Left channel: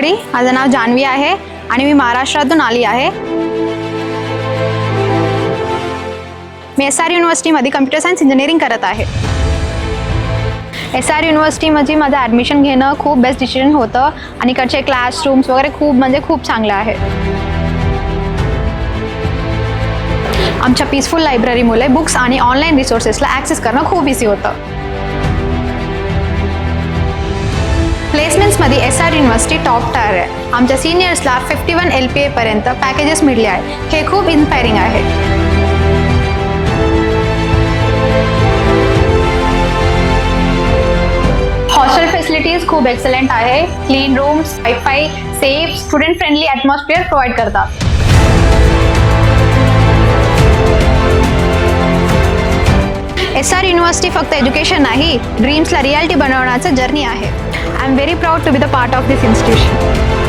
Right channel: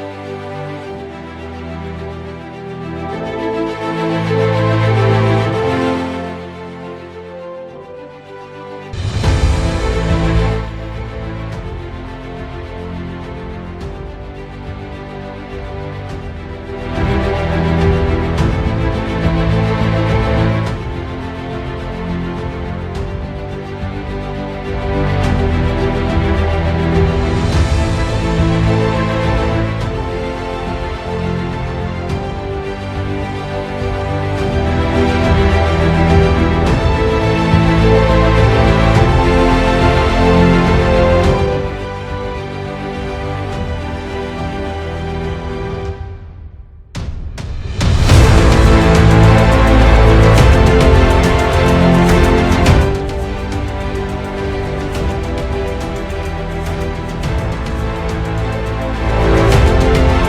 Everybody, माझं नाव जान्हवी आहे आणि मी महाराष्ट्रातून आली आहे. मी SR युनिव्हर्सिटीमध्ये कम्प्युटर सायन्स इंजिनिअरिंग करत आहे. SR युनिव्हर्सिटीमध्ये माझं ॲडमिशन घेणं खूप बेस्ट डिसिजन होतं आणि इकडचे क्लासरूम्स वगैरे खूप चांगले आहे. आमच्या पीसफुल लायब्ररीमुळे बुक्स आणि ऑनलाईन रिसोर्सेसला ॲक्सेस करणं खूप इझी होतं. प्लेसमेंट्समध्ये SR युनिव्हर्सिटी टॉप टायर आहे. आमच्या सिनियर्सला 51 LPA पर्यंत पॅकेजेस मिळले आहे. हे खूप इन्स्पायरिंग आहे. हॉस्टेल फॅसिलिटीज खूप एक्सलंट आहे. Clean rooms, wifi, safe, student friendly atmosphere provide करतात. SR युनिव्हर्सिटी फक्त एज्युकेशन नाही, ड्रीम्सला रियालिटी बनवण्याचं जर्नी आहे. I am very proud to be the part of this institution.